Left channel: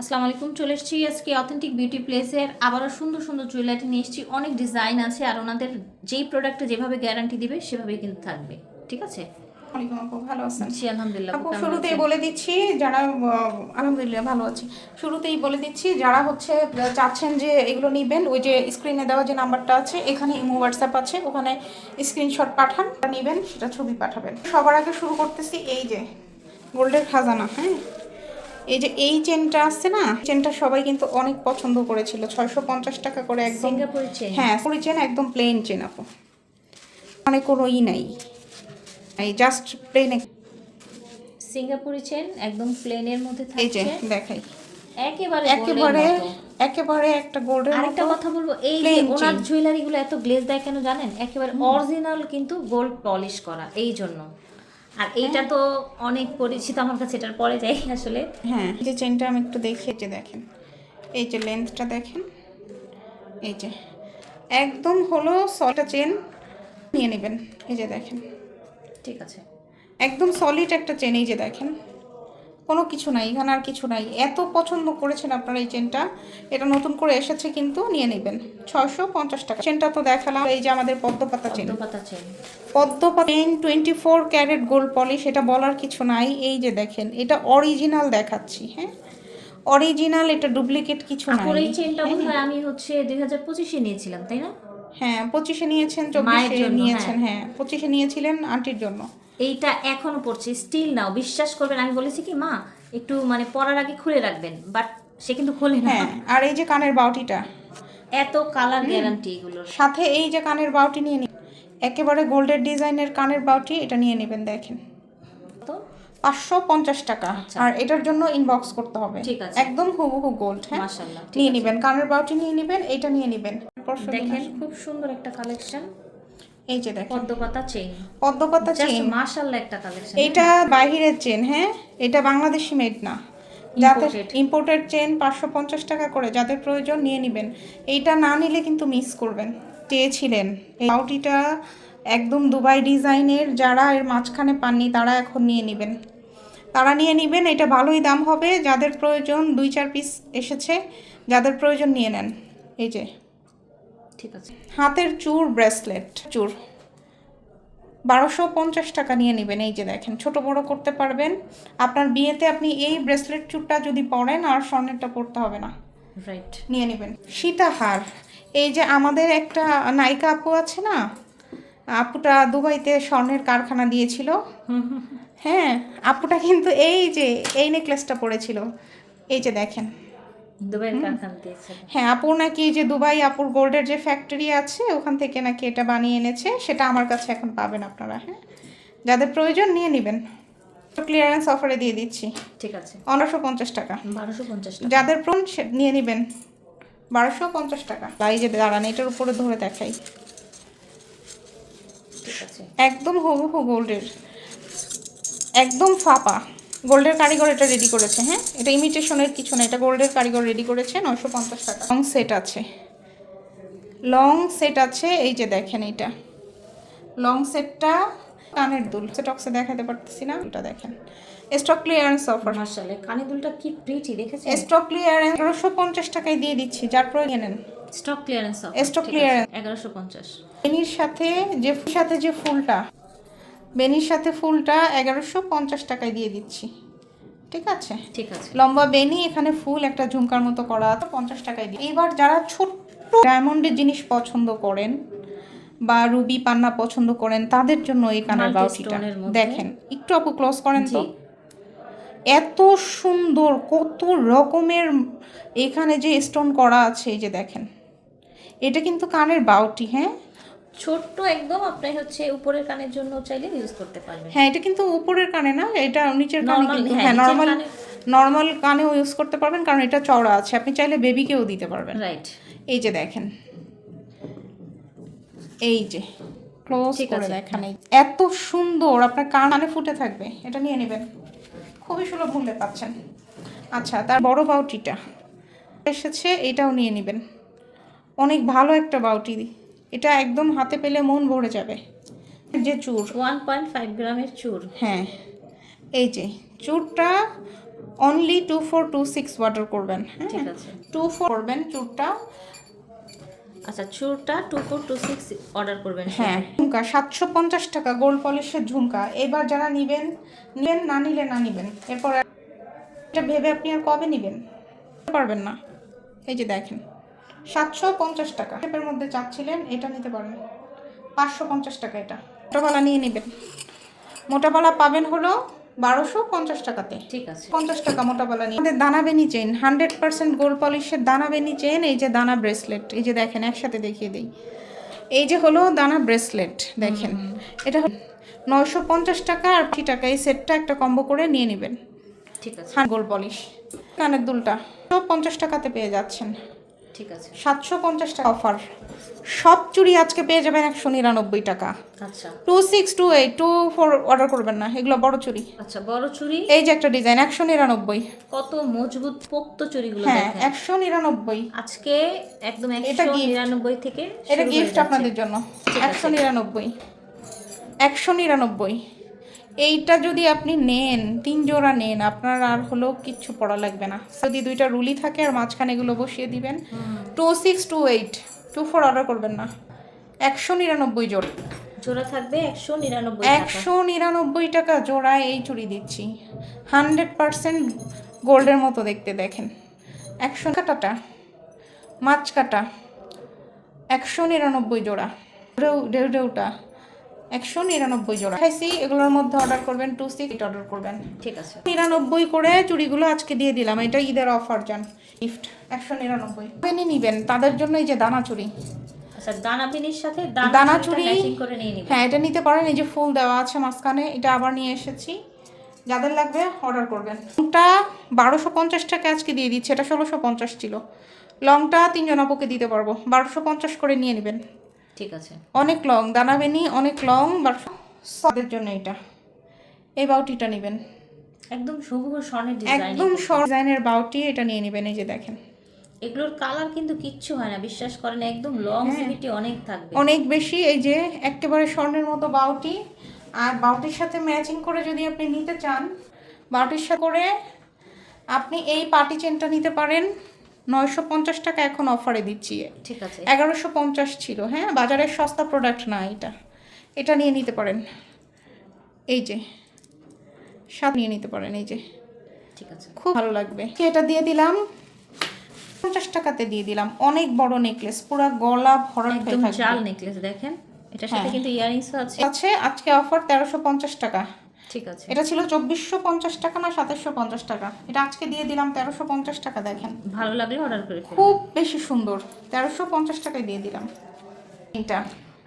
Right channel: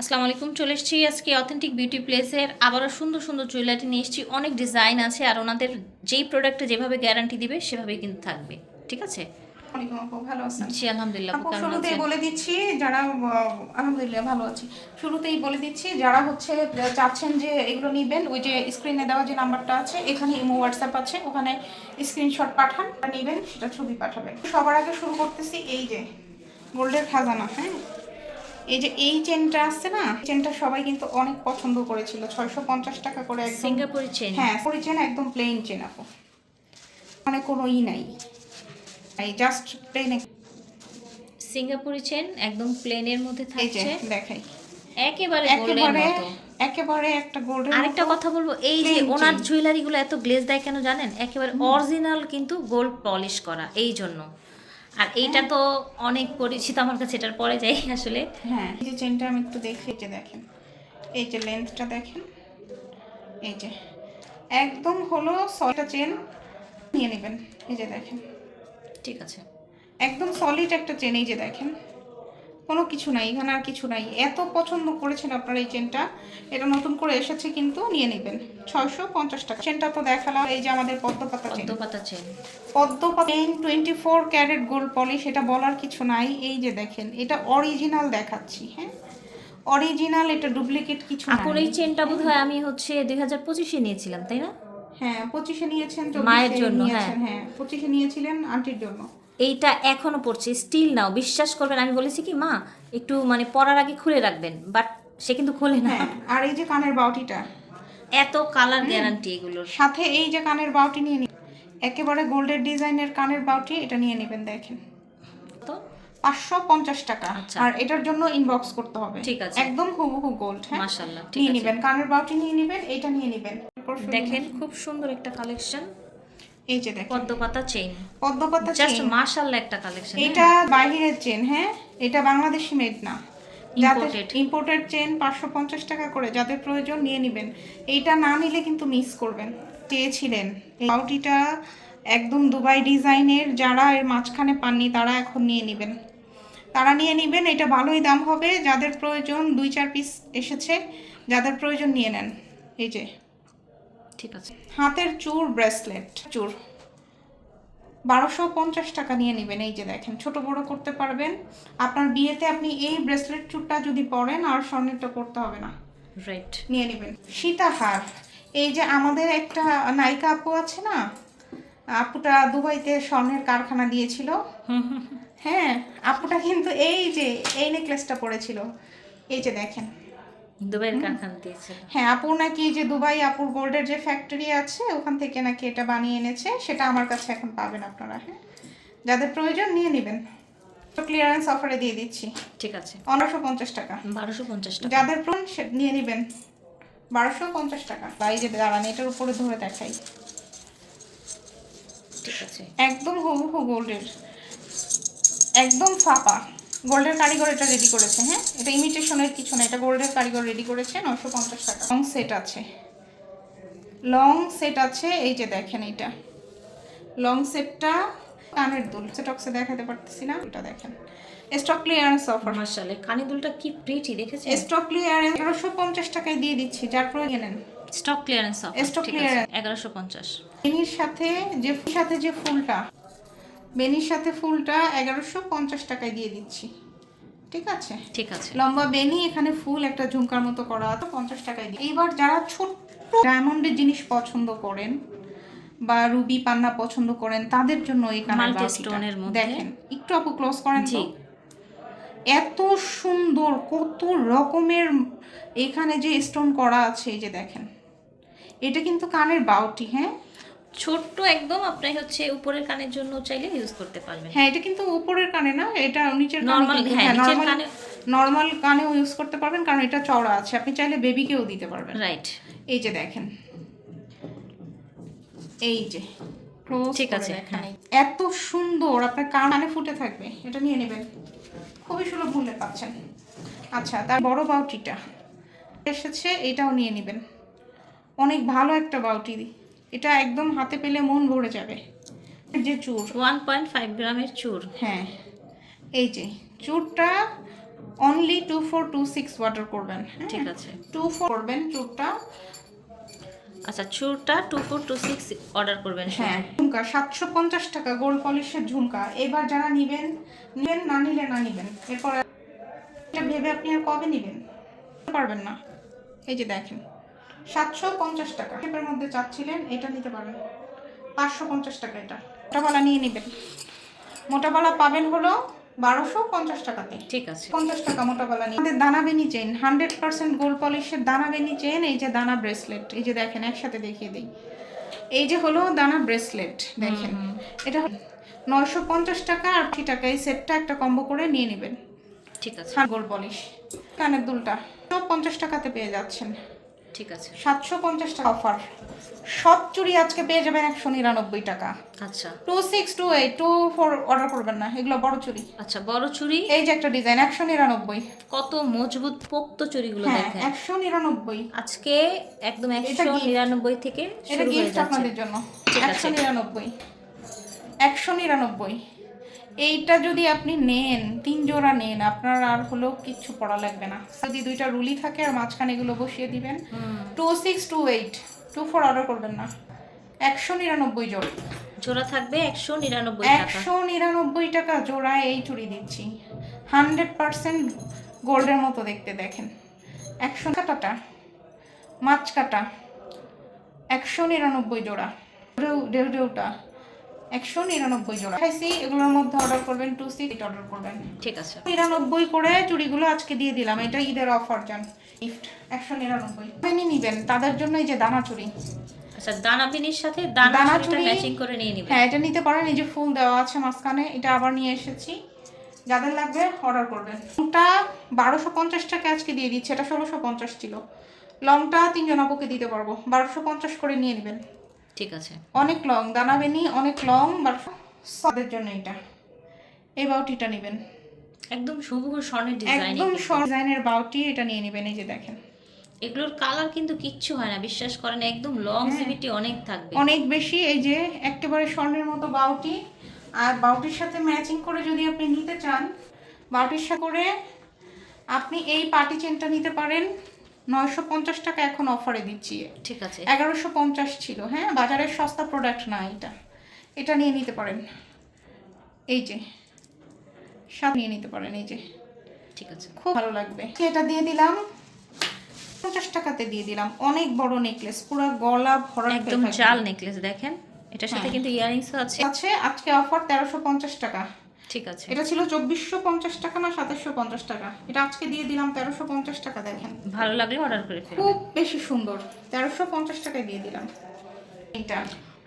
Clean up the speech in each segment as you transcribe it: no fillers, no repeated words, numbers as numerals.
আসসালামু আলাইকুম, চলে এসেছি আজকে অথেন্টিক বিউটি প্লেসের আবারও সুন্দর সুন্দর জুয়েলারি নিয়ে এসেছি। অনেক ডিজাইন আছে আর ওনাদের যেই প্রোডাক্টে যেভাবে গ্যারান্টি দিবে সেভাবেই কিন্তু থাকবে। ঠিক আছে? ওয়ালাইকুম আপু, ভালো আছেন? জি আলহামদুলিল্লাহ। আপু আপু কেমন শুরুতেই আছেন? বলে দিচ্ছি যারা আলহামদুলিল্লাহ ভালো আছি। শুরুতেই বলে দিচ্ছি যারা চাচ্ছেন যে এগুলো নেবেন, ওই যে স্ক্রিনে দেওয়া যে নাম্বারটা আছে, এখানে ইমো হোয়াটসঅ্যাপ আছে, ওখানে স্ক্রিনশট পাঠান, নেবেন সেটা ছবি পাঠাবেন। সবার আগে শুরু করতেছি এই যে গোল্ডের খাজানা। হ্যাঁ, এই যে এই চেনটা আসছে না, চেনটা সবাই কিন্তু অনেক পছন্দ করেছিল। 650 টাকা করে একদম। সিঙ্গাপুরি চেন। হ্যাঁ, পুরি চেন, একদম প্লেন চেন আপু, মানে কোনো নাই, এই জাস্ট প্লেন। সিঙ্গাপুরি চেন একদম প্লেনের মধ্যে এই যে থাকছে, দেখাই, একেবারে গোল্ডের একেবারে মতো। একেবারে একটা গোল্ডের মতো। আরেকটা কথা বলবো, এই যে plain ওনার chain। জুয়েলারিগুলো এত গ্লেজ দেয় কেন জানেন? একেবারে অরিজিনাল কিন্তু গোল্ড পলিশ করা, এই জন্য। আর এইটা তো অনেক পরিচিত আমার কাছে, এটার পরে যাই আসলে। হ্যাঁ, এই যে চেনটা আমি একটু দেখি, এই যে দেখেন, এই যে লেন্থটা দেখেন, এই যে একদম হলো সলিড চেন, নিয়ে নেবেন। এই যে দেখেন, ঠিক আছে। একদম সলিড একটা চেন। এই যে দেখেন, কোনো কিছু নাই এখানে, আর কিছু নাই। এত পছন্দ করেছেন আপনারা এই চেনটা, এটা নতুন করে এসেছে কিন্তু নিয়ে নেবেন। 650 টাকা। চেনটা তো দেখালাম, এই যে আমাদের পদ্মপাতা চেন। পদ্মপাতা চেন। পদ্মপাতা চেন 24 ক্যারেট গোল্ড পলিশ, এটা বলার কিছু নাই। এই যে দেখেন, এটা অরিজিনাল দেখাচ্ছি। হ্যাঁ, অরিজিনাল, এটা ডুপ্লিকেট কিছু নাই। আপুর এই চেনটা বোধহয় আমি 2025-এ নিয়েছিলাম, তাই না? হ্যাঁ, 25-এ নিয়েছেন, মায়ের 24-এ জন্য, নিয়েছেন। হ্যাঁ, 25-এ নিয়েছিলেন আন্টির জন্য। এইটা এখনো পড়ছে, স্টিল নাও, বিশ্বাস করবেন। আমি বলেছি কি মা একটু মানে পরার আগে খুলে রাখবেন, বাট সে কিন্তু খোলে না। হ্যাঁ, আর এই যে কানের বাউটিটা, এত কালার গ্যারান্টি এগুলোর। সাথে এই যে কানের বাউটি নিয়ে নিন, একেবারে গোল্ডের ডিজাইনের কানের বাউটি, এটা নিয়ে নেবেন। দেখেন, তো 550 টাকা। আচ্ছা। আর এটার জন্য ইনবক্স করতে হবে। ঠিক আছে। একদম হুবহু গোল্ড। হ্যাঁ, মাশাআল্লাহ, ঠিক নিয়ে আছে। নেবেন, কানের বাউটি নিয়ে নেবেন, এটা নিয়ে নেবেন। দেখেন খুব সুন্দর একটা কালেকশন, এই যে দেখেন, পদ্মপাতা চেইন। পদ্মপাতা জাস্ট চেন। মাশাআল্লাহ একটা কালেকশন। এটা বাইরের চেন। হ্যাঁ, এটা বাংলাদেশি মেড না, যাদের ইম্পোর্টেড। ইম্পোর্টেড চেন 550 টাকা করে। যাদের প্রয়োজন নিয়ে নেবেন, এইটা না নিলে কিন্তু মিস করবেন। চেয়েছিলেন এই বাউটিটা, একদম দুবাই ডিজাইনের। যারা এর মাঝখানে পাননি তারা এখন নিয়ে নেবেন, তারা নিয়ে নেবেন। এটা ভালোই দাম হবে। যাদের প্রয়োজন, 2-4 পিস এসেছে, যাদের প্রয়োজন নিয়ে নেন। এই যে ঠিক আছে। হাতের চূড়, ব্রেসলেট চূড়, 1250 টাকা নিয়ে নেবেন। এই যে দেখেন, ছোট বড় করতে পারবেন। আপনার বিয়েতে আপনি এই ব্রেসলেট চূড়টা যদি পরেন, আর স্বর্ণেরটা পরতে হবে না। রাইট। নিয়ে নেবেন সীতাহার। এই যে আমাদের একটা নায়িকা আপু আছে না, আপুটা দুবাইতে স্বর্ণের কারখানা দিয়েছিল। হ্যাঁ, আপুটা কিন্তু এই যে এই নেকলেসটা পরেছিল। এই যে দেখেন, দুবাইয়ের কারখানা দিয়েছিল। হ্যাঁ, আপুর নাকি যে দুবাই আপুর গোল্ডের যে ফ্যাক্টরি আছে, ওখান থেকে নাকি এটা বানিয়ে এনেছে। সেটা আমার কাছে এখন পাবেন আপনারা। হ্যাঁ, যাদের প্রয়োজন নিয়ে নেবেন। তো ক্লিয়ারেন্স অফারে দিয়ে দিচ্ছি। ঠিক আছে। 1250 টাকা। 1250 টাকা। যাদের প্রয়োজন নিয়ে নেবেন, 1250 টাকা। এই যে দাঁড়ান, এটার উপরে ধরে দেখাই, ঠিক আছে। একদম হুবহু গোল্ডের, একদম ফাপা। গোল্ডের কারিগর এটা রেডি করেছে। হ্যাঁ, এটা ইমিটেশনের কিছু না, এটা গোল্ডের কারিগর রেডি করেছে। 950 টাকা। লং সেট আছে, লং সেট আছে। এই যে দেখেন, এইটা লং সেটটা, কানের দুল স্টকসে দেখাতে পারতেছি না, এটা দেখেন, স্টক ক্লিয়ারেন্স অফার। মাশাআল্লাহ, কানে দুলটা কি প্রিটি দেখেছেন? স্টক ক্লিয়ারেন্স 1150 টাকায় দিয়ে দিচ্ছি, যার প্রয়োজন নেন। Stock clearance offer. স্টক ঠিক আছে, ক্লিয়ারেন্স। 1150। বেনির সাথে যে ফুলটা, বেনির সাথে ফুলটা 1150 টাকায় দিয়ে দিচ্ছি। ঠিক আছে, ঠিক আছে। লম্বা বেনি, এখানে ফুল একটা ঝুমকার মতো করা, তো 50 টাকায় দিই। এইবার যারা ছোট্ট ডায়মন্ডের জিনিস পছন্দ করেন বা রুবি পান্না পছন্দ করেন, তাদের জন্য এই কানের মাল্টি বাউটিটা স্টোনের মধ্যে। দেখেন। একটু আপু ক্লোজ করেন তো। জি। এত সুন্দর, কত রকমের এখানে যে স্টোন করা আছে। এই যে দেখেন, এটা কিন্তু কানের বাউটি। হ্যাঁ, ছোট্ট একদম, আপনি উপরের কানের জন্য চাইলে ইউজ করতে পারবেন। হ্যাঁ, এটা কিন্তু উপরের কানে না, এটা নিচের কানে নরমাল, কিন্তু। হ্যাঁ, হ্যাঁ, নিচের নরমাল, কানে। নরমাল কানেও ইউজ করতে পারবেন, কারণ এটা চওড়া আছে। আপনি চাইলে বেবিকেও দিতে পারবেন। রাইট। এই যে দেখেন, এই যে ক্লোজ ঠিক করে আছে, দেখেন, এত সুন্দর, আপনার কানে ফুটে থাকবে। এটা নিয়ে নেবেন, খুবই সুলভ মূল্যে পাচ্ছেন। আচ্ছা, তার বড় বাউটিটা এসেছে, এটাও নিয়ে নেবেন। অনেক ভালো একটা বাউটি, এটা একদম হাতে পেলে মন ভরে যাবে। যে চূড়, 1.5 গ্রামের চুর। হ্যাঁ, এই যে চূড়টা অনলি 2426 অর্ডার করবেন। ঠিক আছে। 24 করবেন চুরটা। আচ্ছা, চুরটা 2426 অর্ডার করবেন। হ্যাঁ, ঝুমকা 750 টাকা, গোল্ড পলিশের ঝুমকা। এবার যারা নিবেন না নিলে না নিবেন। এরপর এটা ভেবে আপনি আর কবে নিবেন পারবেন না। এই যে দেখেন 750 টাকা এর মধ্যে চাচ্ছিলেন, এটা নিতে পারেন 550 টাকা। এটা মোটাবালা নিয়ে নেবেন। মোটাবালা পাবেন হলো 1250 টাকাতে। ঠিক আছে। 50 টাকা মোটাবালা নিয়ে। আমাদের দানা বেনি চেইন 100% গোল্ড পলিশের দানা বেনি চেইন। এই যে দানা ব্রেসলেট, এই যে দেখেন একসাথে দেখিয়ে দিই। এই যে হলো দানা ব্রেসলেট, দেখেন এটা 950 টাকা আর 80 টাকা। এই সেটটা একটা কম্বো করে নিয়ে নেবেন। ঠিক আছে। গোল্ড পলিশ কানের দুলটা 50 টাকাতে পেয়ে যাচ্ছেন। ঠিক আছে। 750 টাকা অফার। সব চুড়ি আজকে পেয়ে যাবেন 199 টাকা। আচ্ছা, 2628 24 অর্ডার করবেন না, এগুলো বড় চুড়ি। আচ্ছা, বড় চুড়ি। এই যে একটা ডিজাইন 199। কত মজবুত পোক্ত চুড়িগুলো হ্যাঁ, দেখেন। 199। আজকে একদম 199 থেকে এটা শুরু হয়ে গিফট যাচ্ছে। আপনাদের জন্য। ঠিক আছে। 199 199। এইটা যদি আপনি নেন 3 জোড়া নেন, আপনার আর হলো কিচ্ছু পড়া লাগবে না। যদি দুইটা রুলি থাকে আর মাঝখানে এগুলো বসিয়ে দিবেন। 2628 24 অর্ডার করবেন না। 199 জোড়া। জোড়া থাকবে 199 টাকা। 199 টাকা জোড়া এই চুড়ি দিচ্ছি। 100% গোল্ডের মতো দেখতে, দেখেন 100 কাটাটা মাছ কাটা 199 জোড়া। ঢেউটা 199 জোড়া খাইছি। এগুলোর মধ্যে অর্ডার করবেন 26 অর্ডার করবেন। ঠিক আছে। 99 করে চুড়িগুলো আজকে দিয়ে দিলাম। এটা ঈদের অফার জান গিফট 199 বেনি নিবেন তাদের জন্য। এই যে দানা চুড়ি। আচ্ছা, দানা বিনির সাথে দানা দানা চুড়ি চুড়ি ম্যাচিং করে নিয়ে নিবেন। হ্যাঁ, এটা নিতে পারেন। এই যে ফুল দেওয়া আছে মাঝখানে, এটা আবার নিয়ে এসেছি। যাদের লাগবে অর্ডার করবেন। লংটা 1250 টাকা আজকে দিয়ে দিচ্ছে, এটা 1650 ছিল। লংটা 3 জন আপুকে দিতে পারবো, 1250 করে নিয়ে নেবেন। ঠিক আছে। অনেক লং দানা বেনি, অনেক লং। সদের জন্য এটা এই বাউটিটা নেবেন। একদম শুভ স্বর্ণের ডিজাইন। একদম শর্ট ডিজাইনের বাউটি, এটা নিয়ে নেবেন। এই যে দেখেন এগুলোর কালার কিন্তু কিচ্ছু হয় না, বিশ্বাস করেন। একদম লংজিভিটি অনেক থাকবে, অনেক বেশি। এই যে একেবারে স্বর্ণের মতো বাউটি। আর বাউটির সাথে ম্যাচিং করে যদি আপনি নিতে চান, বাউটির সাথে করে আপনি এই পার্টি চেনটা নিতে পারেন। 950 টাকা এখন অফারে দিচ্ছি। ঠিক আছে। 1150 ছিল। হ্যাঁ, বাজারের সস্তা প্রোডাক্ট না এটা। এটা নিয়ে নিতে পারেন। এই যে সব নিয়ে নিতে পারেন। এই যে ঠিক আছে, খুব ভালো লাগবে। এটা দিয়ে দিলাম 50 টাকাতে দিয়ে দিলাম। অনেক বড় নেকলেস, পুরো গলা ভরা একদম জাল নেকলেস দেখেন। এটার সাথে কিন্তু ইয়ারিংসও আছে। আছে আজকে অফার 1350 টাকা। ঠিক আছে। এটা ছিল 2450 টাকা না 2750 টাকা। এটা আজকে দিয়ে দিলাম 1350 টাকা। দেখেন ভালো লাগলে অর্ডার করে ফেলবেন। খুব বেশি সুন্দর। 1350 টাকায় দিয়ে দিলাম। এটা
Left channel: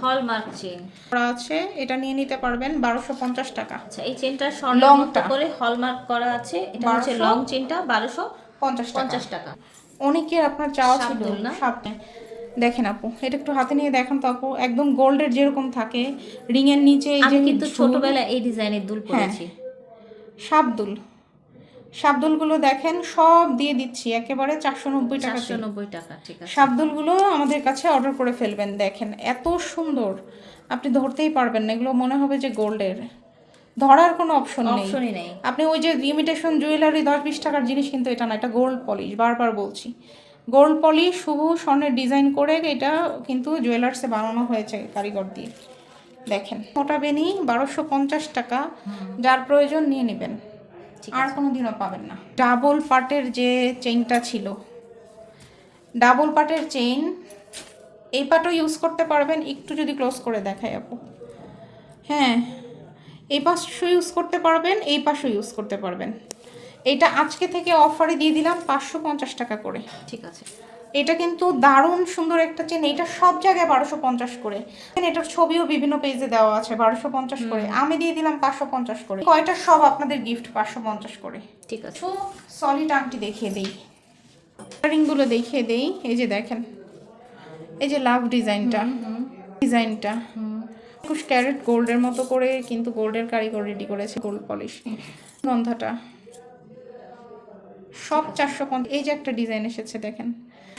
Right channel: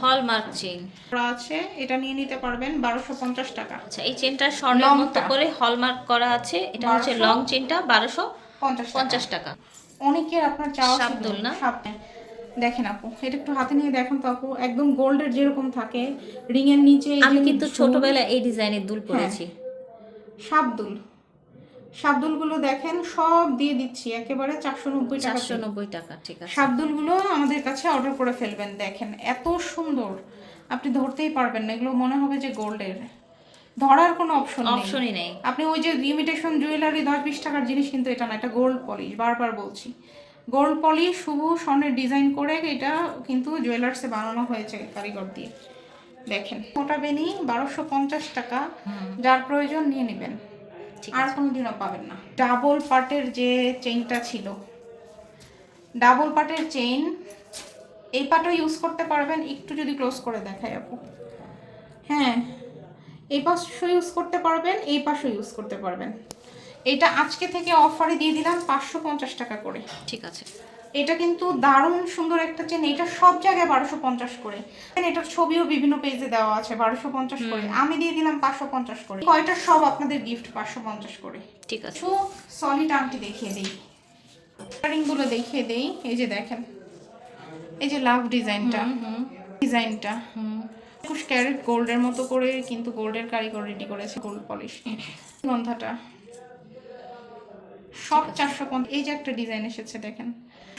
হলমার্ক চেইন করা আছে, এটা নিয়ে নিতে পারবেন 1250 টাকা। আচ্ছা, এই চেনটা স্বর্ণের মতো করে হলমার্ক করা আছে। এটা হচ্ছে লং চেনটা 1250 টাকা। অনেকের আপনার চাওয়া ছিল শাবদুল না? দেখেন আপু, এটা একটু হাতে নিয়ে দেখেন তো আপু। একদম গোল্ডের যেরকম থাকে রিং এর নিচে। আমি কিন্তু ছোটবেলায় এই ডিজাইনের দুল পরেছি। শাবদুল শাবদুলগুলো দেখেন সব দিয়ে দিচ্ছি একেবারে 490 টাকা। 490 টাকা। ঠিক আছে। শাবদুলগুলো আমাদের কাছে অর্ডার করে ফেলবেন। দেখেন এত সুন্দর, আপনি ধরতেই পারবেন না। এগুলো মনে হবে যে গোল্ডের, ধরার কোনো অপশনই নেই। আপনি ওই যে ইমিটেশন জুয়েলারি 10-20 টাকার জিনিস, কিন্তু এটা না, এটা গোল্ড পলিশ। বারবার বলছি, গোল্ড পলিশ শুভ স্বর্ণের ডিজাইন করে এটা কিন্তু জুয়েলার্সে বানানো হয়েছে কারিগর দিয়ে। দেখেন মোটা বেনি 1250 টাকা। যার প্রয়োজন নিয়ে নেবেন, আর কোনোদিনও পাবেন না। ডাবল পার্টের যে চেইনটা ছিল, ডাবল পার্টের চেইন, এই পাটও ইউজ করতে পারবেন। একটু যদি ক্লোজ করে দেখাই আপু, হ্যাঁ, এই পাশও ইউজ করতে পারবেন, এই পাশও ইউজ করতে পারবেন। এটা আজকে থেকে অফারে দিয়ে দিলাম 550 টাকা করে। ঠিক আছে। এটা কিন্তু দারুণ সুন্দর একটা চেন। এটা সব জায়গায় 1250 করে। এটার ছবিও বিভিন্ন পেজে দেওয়া আছে 1250 করে। আমি দিয়ে দিলাম 550 করে। কয়টা সব আপনাদের গিফট 550 করে। ঠিক আছে। তো সলিড আংটি দেখিয়ে দেই, রিংগুলো দেখিয়ে দেই। এই যে দেখেন, এই যে লাভ ডিজাইনটা 21 ক্যারেট গোল্ডের মতো করে, কিন্তু গোল্ডের কারিগর রেডি করেছে, গোল্ড পলিশ। গন্ধাটা সব 450। এই যে একটা ডিজাইন এসেছে দেখেন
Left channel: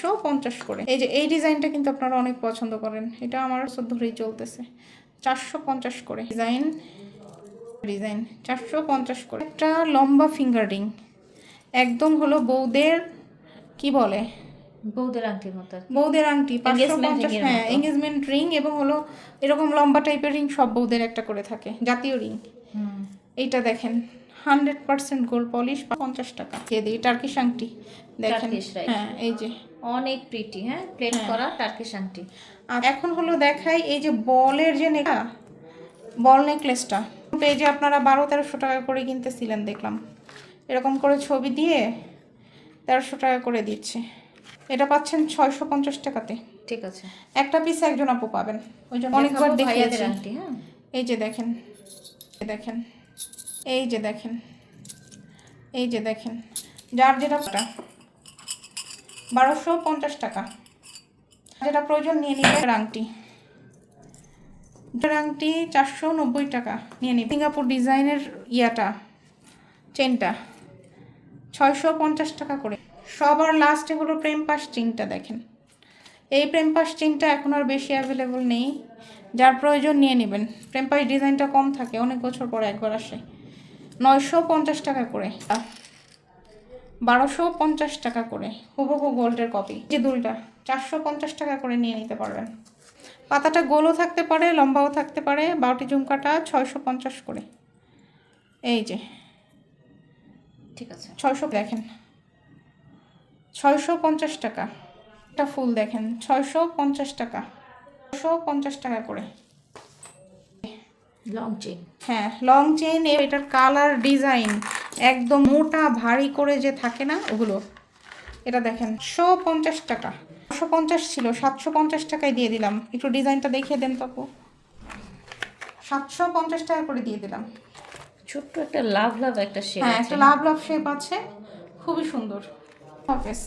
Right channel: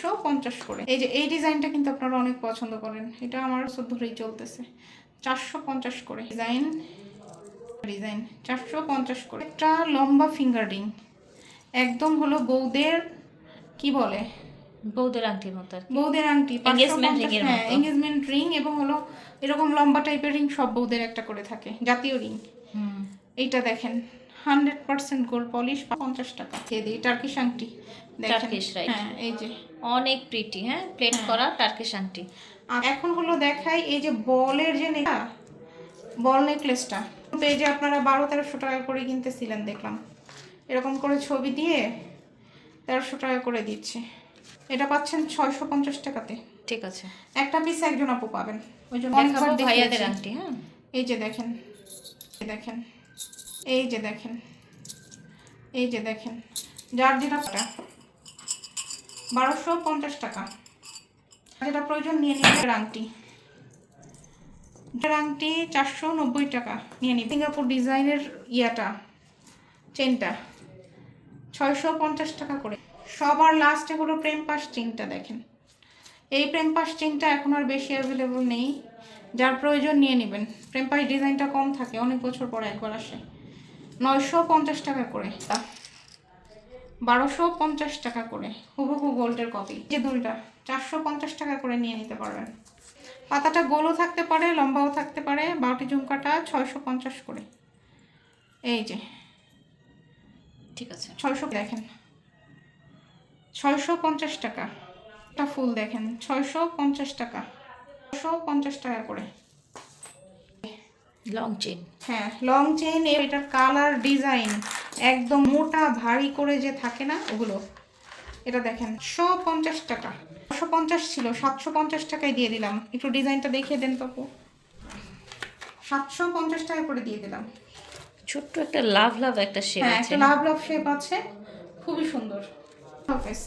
150 করে। এই যে এই ডিজাইনটা কিন্তু আপনারা অনেক পছন্দ করেন, এটা আমার ধরেই চলতেছে। 450 করে ডিজাইন 450 করে। একটা লম্বা ফিঙ্গার রিং, একদম হলো বউদের কি বলে, বউদের আংটির মতো আর কি। বউদের আংটি, Engagement ring এর হ্যাঁ মতো। এঙ্গেজমেন্ট রিং, এবং হলো এরকম লম্বা টাইপের রিং সব বউদের একটা করে থাকে, জাতীয় রিং। হুম। এইটা দেখেন 100% গোল্ড পলিশ, 50 টাকা দিয়ে দিই। টার্কিশ আংটি দেখেন, Turkish, right? হ্যাঁ এই যে। অনেক প্রিটি, হ্যাঁ, প্লেট করা টার্কিশ আংটি। আর এখন হলো দেখাই এই যে বলের যে বল নেকলেসটা, পেজে আপনারা 1200-1300 টাকা করে কিনতেছিলেন দেখলাম, এরকম করে ছবি দিয়ে 1300 টাকা করে দিচ্ছে। এটা পাচ্ছেন 650 টাকাতে। ঠিক আছে, একটা পিস একজন আপু পাবেন, ওই জন্য দেখাবো অনেকবার ভাইয়াদের দেখিয়েছি। আংটি। হ্যাঁ, এই যে দেখেন, দেখেন, এই যে দেখেন, এই যে দেখেন, যার যেটা 1250 টাকা, যেটা প্রয়োজন নিয়ে নেবেন। আংটি, আংটি 490 টাকা নিয়ে নিন। সিঙ্গাপুর ডিজাইনের ইয়াটা, চেনটা 650 টাকা করে। সবার লাস্টে হলো প্রেম পাশ চিনটা দেখেন, এই প্রেম পাশ চিনটা এখন আর বেশি অ্যাভেলেবল নেই, যার প্রয়োজন নিয়ে নেবেন। প্রেম পাশ ডিজাইনটা কম থাকে, অনেক বছর পরে একবার আসে। 950 টাকা করে, 1250 টাকা করে হুবহু গোল্ডের কপি। যে দুলটা 450 টাকা করে নিয়ে নিতে পারবেন। পাতাটা গোলও থাকতে পারে, লম্বাও থাকতে পারে। বাউটি ঝুমকাটা 650 করে, এই যে ঠিক আছে। 600 দেখেন, 650 টাকা। একটা ফুল দেখেন 650 টাকা, 650 টাকা করে। লং চেন, হ্যাঁ লং চেন, এটার কালার ডিজাইন একদম মোটা ভারী করে যে থাকে না ওগুলো। এটা দেখেন 150 টাকা, 150 ছিল, 750 টাকায় দিয়ে দিলাম। একটু ডিজাইনটা দেখিয়ে দেন তো আপু। 750 টাকা করে দিয়ে দিলাম। ছোট্ট একটা লাভ লাভ একটা শেপ হ্যাঁ আছে। একটা লাভ লাভ শেপ আছে, খুবই সুন্দর। হাফেজ।